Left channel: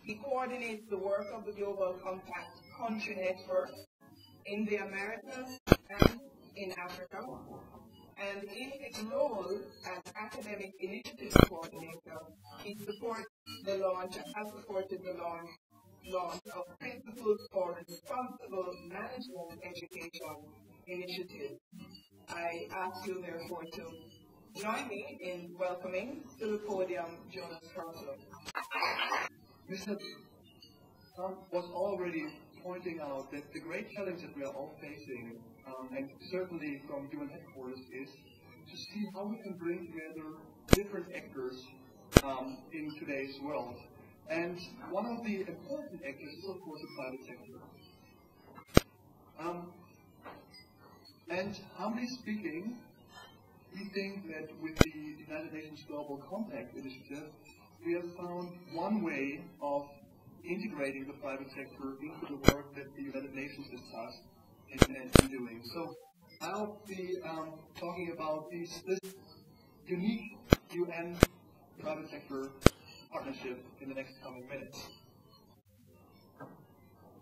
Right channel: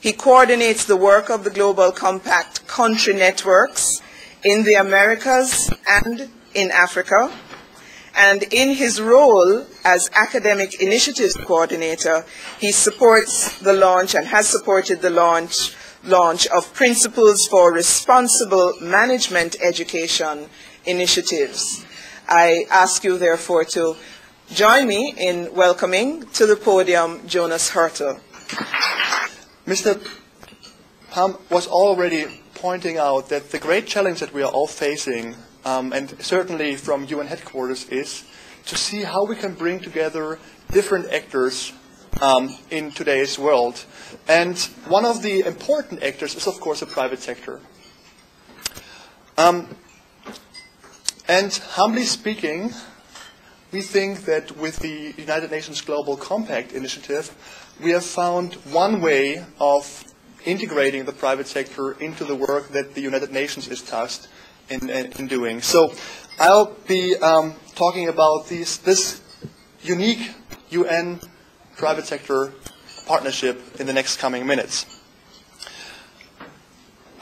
He coordinates the work of the Global Compact country networks in the Americas and in Africa. And in his role as academic initiatives coordinator, he supports the launch and has supported the launch of Principles for Responsible Management Education initiatives. I ask you, therefore, to join me in welcoming to the podium Jonas Haertle. Mr. Pam was already pointing out that the great challenge that we are all facing, and certainly from UN headquarters, is to see how we can bring together different actors in today's world. And one of the important actors is, of course, the private sector. And humbly speaking, we think that with the United Nations Global Compact initiative, we have found one way of integrating the private sector into the work that the United Nations is tasked in doing. So I'll be talking about this unique UN private sector partnership in the next coming minutes.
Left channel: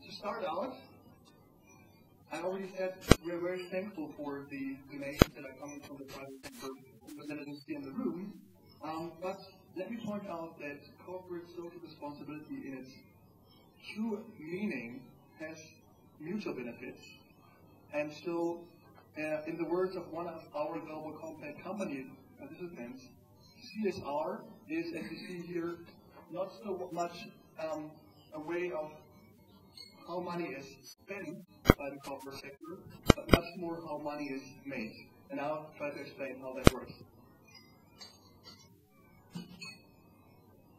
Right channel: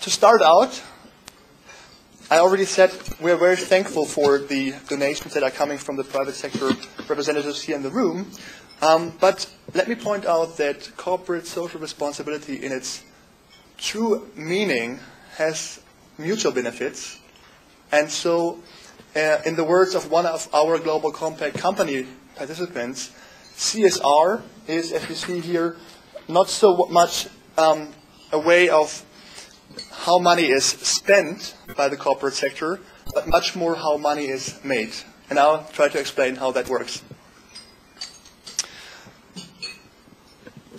To start out, I already said we're very thankful for the donations that are coming from the private sector representatives here in the room. But let me point out that corporate social responsibility in its true meaning has mutual benefits. And so, in the words of one of our Global Compact company participants, CSR is, as you see here, not so much a way of how money is spent by the corporate sector, but much more how money is made. And I'll try to explain how that works.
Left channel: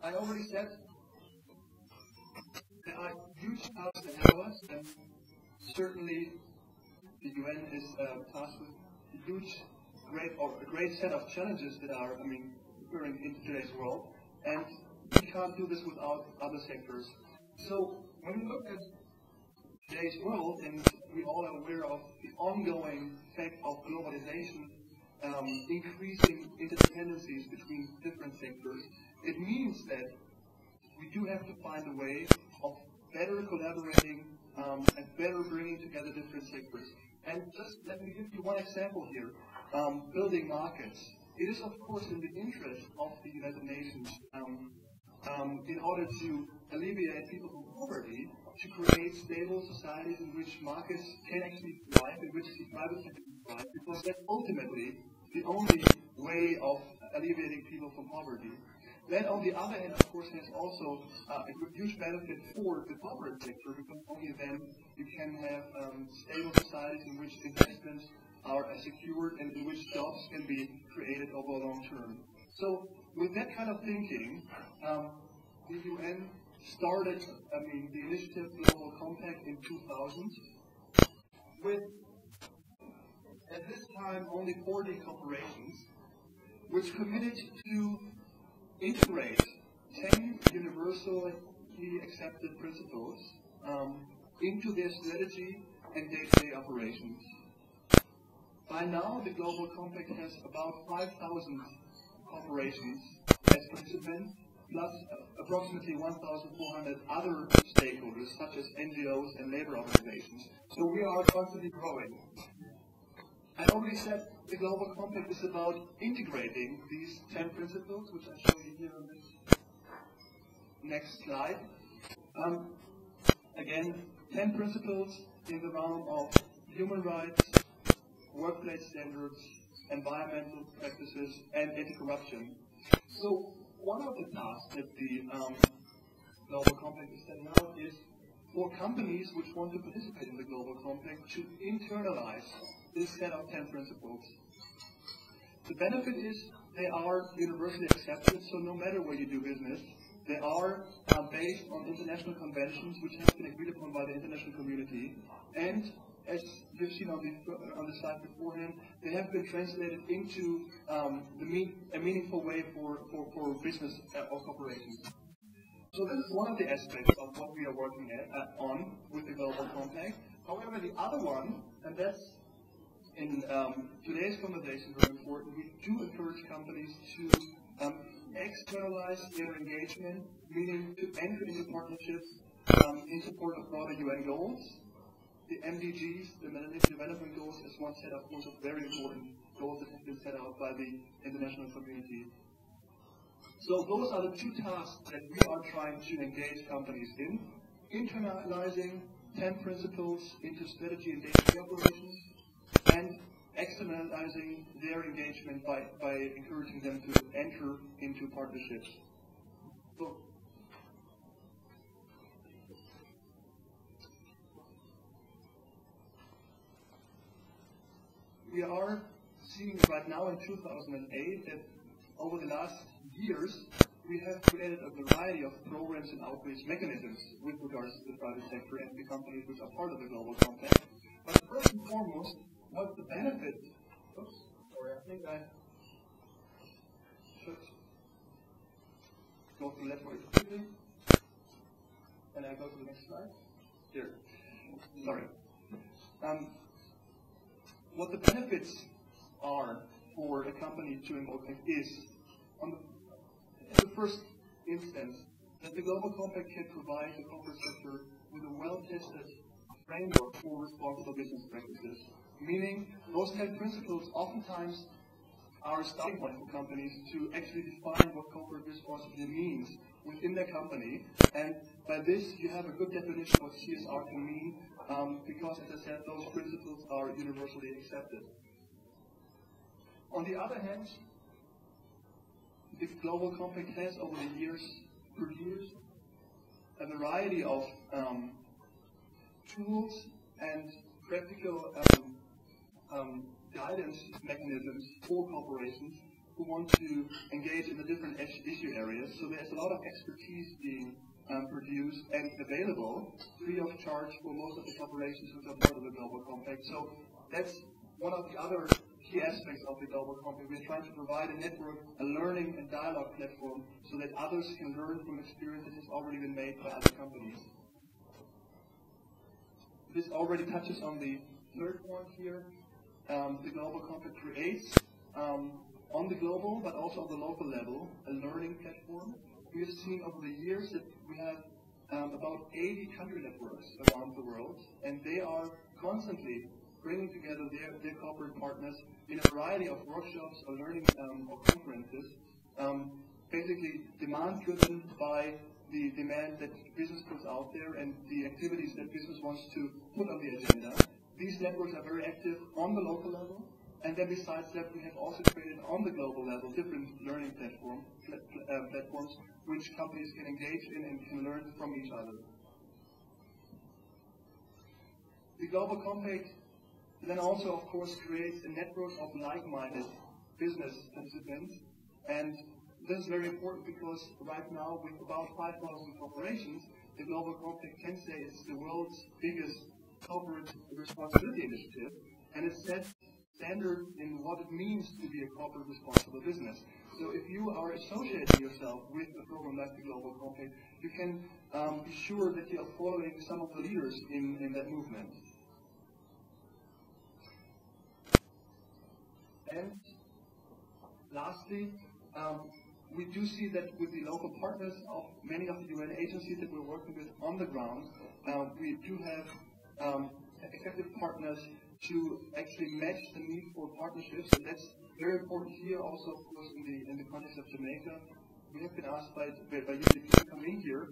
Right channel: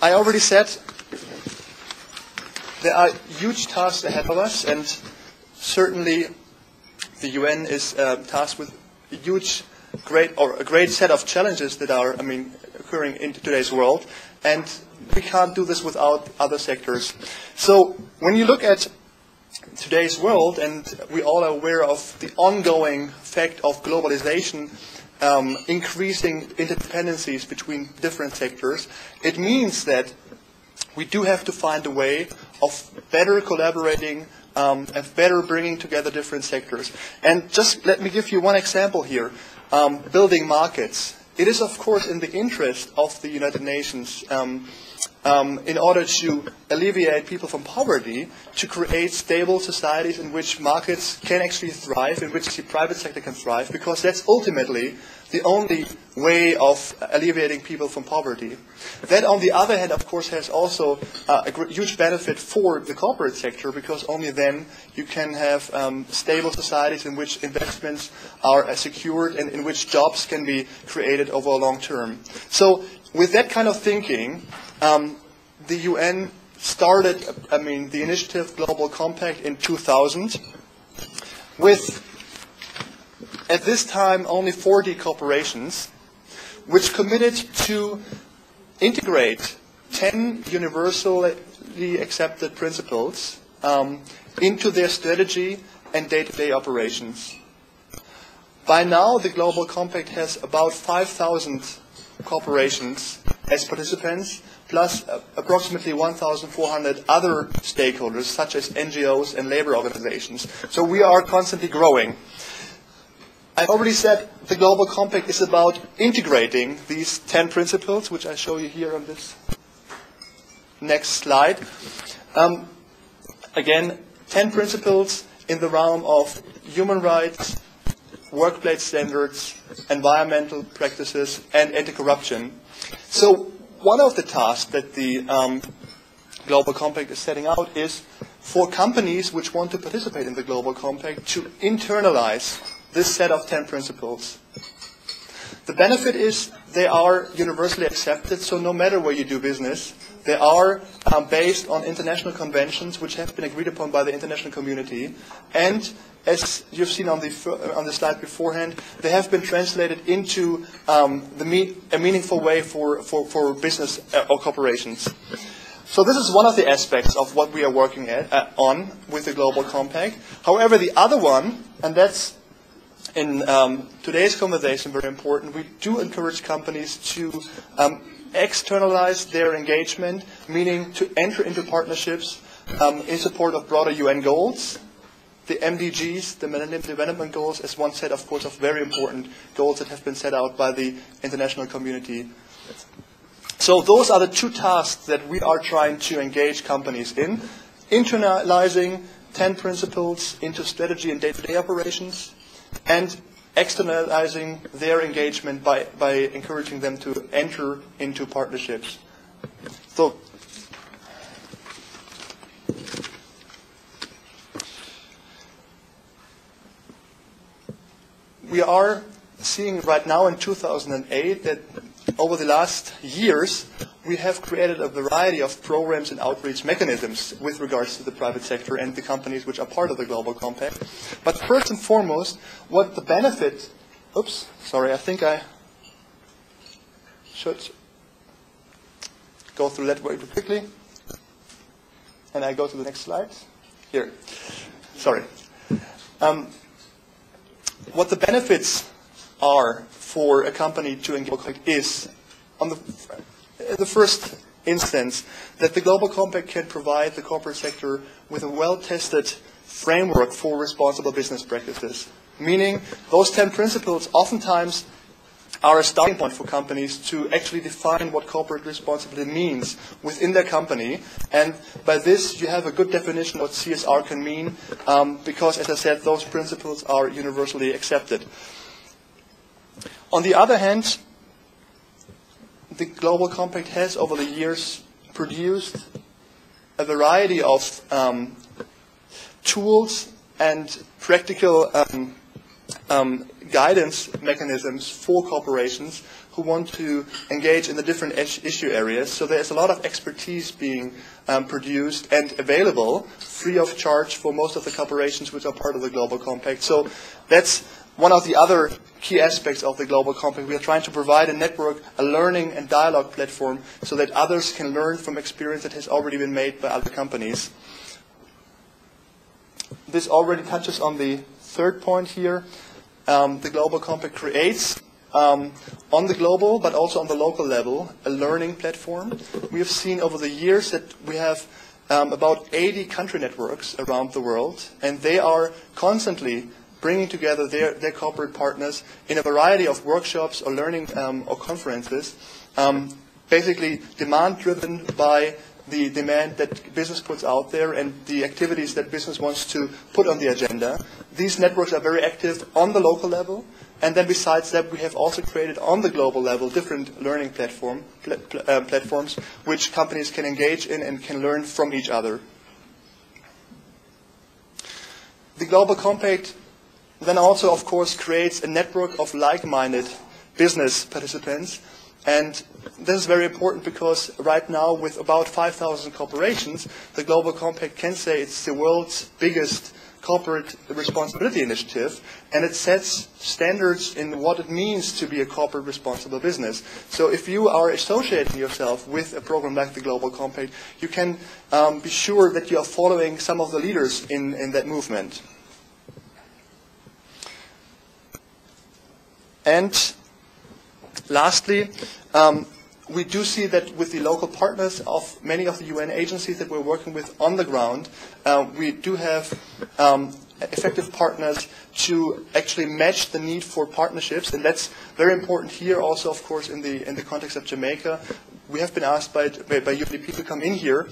I already said there are huge tasks ahead of us, and certainly the UN is tasked with a great set of challenges that are, occurring in today's world, and we can't do this without other sectors. So when you look at today's world, and we all are aware of the ongoing fact of globalization, increasing interdependencies between different sectors, it means that we do have to find a way of better collaborating and better bringing together different sectors. And just let me give you one example here, building markets. It is, of course, in the interest of the United Nations in order to alleviate people from poverty, to create stable societies in which markets can actually thrive, in which the private sector can thrive, because that's ultimately the only way of alleviating people from poverty. That, on the other hand, of course, has also a huge benefit for the corporate sector, because only then you can have stable societies in which investments are secured and in which jobs can be created over a long term. So with that kind of thinking, the UN started, the initiative Global Compact in 2000 with, at this time, only 40 corporations, which committed to integrate 10 universally accepted principles into their strategy and day-to-day operations. By now, the Global Compact has about 5,000 corporations as participants, plus approximately 1,400 other stakeholders, such as NGOs and labor organizations. So we are constantly growing. I already said the Global Compact is about integrating these 10 principles, which I show you here on this next slide. Again, 10 principles in the realm of human rights, workplace standards, environmental practices, and anti-corruption. So one of the tasks that the Global Compact is setting out is for companies which want to participate in the Global Compact to internalize this set of 10 principles. The benefit is they are universally accepted, so no matter where you do business, they are based on international conventions which have been agreed upon by the international community, and as you've seen on the slide beforehand, they have been translated into a meaningful way for business or corporations. So this is one of the aspects of what we are working on with the Global Compact. However, the other one, and that's in today's conversation very important, we do encourage companies to externalize their engagement, meaning to enter into partnerships in support of broader UN goals. The MDGs, the Millennium Development Goals, as one set, of course, of very important goals that have been set out by the international community. So those are the two tasks that we are trying to engage companies in: internalizing 10 principles into strategy and day-to-day operations, and externalizing their engagement by encouraging them to enter into partnerships. So, we are seeing right now in 2008 that over the last years, we have created a variety of programs and outreach mechanisms with regards to the private sector and the companies which are part of the Global Compact. But first and foremost, what the benefit, I think I should go through that very quickly. And I go to the next slide. Here. Sorry. What the benefits are for a company to engage is, on the first instance, that the Global Compact can provide the corporate sector with a well-tested framework for responsible business practices. Meaning, those 10 principles oftentimes are a starting point for companies to actually define what corporate responsibility means within their company. And by this, you have a good definition of what CSR can mean, because, as I said, those principles are universally accepted. On the other hand, the Global Compact has, over the years, produced a variety of tools and practical guidance mechanisms for corporations who want to engage in the different issue areas. So there's a lot of expertise being produced and available free of charge for most of the corporations which are part of the Global Compact. So that's one of the other key aspects of the Global Compact. We are trying to provide a network, a learning and dialogue platform so that others can learn from experience that has already been made by other companies. This already touches on the third point here. The Global Compact creates, on the global but also on the local level, a learning platform. We have seen over the years that we have about 80 country networks around the world, and they are constantly bringing together their corporate partners in a variety of workshops or learning or conferences, basically demand-driven by the demand that business puts out there and the activities that business wants to put on the agenda. These networks are very active on the local level, and then besides that, we have also created on the global level different learning platforms which companies can engage in and can learn from each other. The Global Compact then also, of course, creates a network of like-minded business participants. And this is very important because right now, with about 5,000 corporations, the Global Compact can say it's the world's biggest corporate responsibility initiative, and it sets standards in what it means to be a corporate responsible business. So if you are associating yourself with a program like the Global Compact, you can be sure that you are following some of the leaders in that movement. And lastly, we do see that with the local partners of many of the UN agencies that we're working with on the ground, we do have effective partners to actually match the need for partnerships, and that's very important here also, of course, in the context of Jamaica. We have been asked by UNDP to come in here,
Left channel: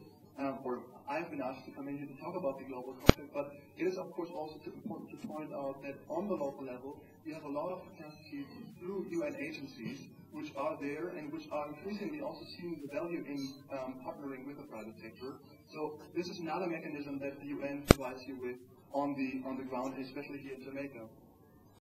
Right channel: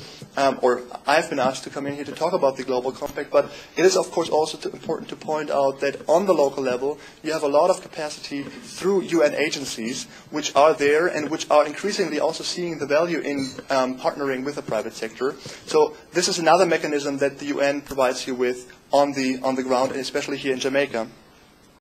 or I've been asked to come in here to talk about the Global Compact, but it is, of course, also important to point out that on the local level, you have a lot of capacity through UN agencies which are there and which are increasingly also seeing the value in partnering with the private sector. So this is another mechanism that the UN provides you with on the ground, and especially here in Jamaica.